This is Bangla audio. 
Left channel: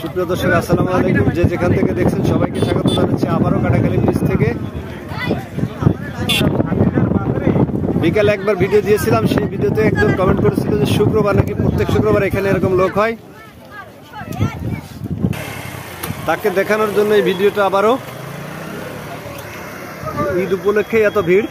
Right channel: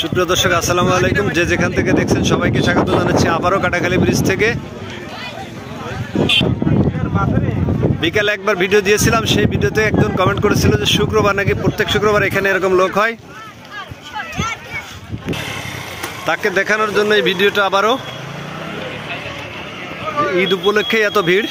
সুপ্রিয় দর্শক আসসালামু আলাইকুম, যে যেখান থেকে দেখছেন সবাইকে স্বাগত জানাচ্ছি আবারও কাটাখালী ব্রিজ থেকে। বিকালে একবার ভিডিও দিয়েছিলাম, সেই ভিডিওতে একজন কমেন্ট করেছিল যে শুক্রবার নাকি প্রত্যেক শুক্রবার এখানে এরকম লোক হয়। তাকে দেখানোর জন্য এই ভিডিওটা আবারও। ঈদ উপলক্ষে এত ভিড়।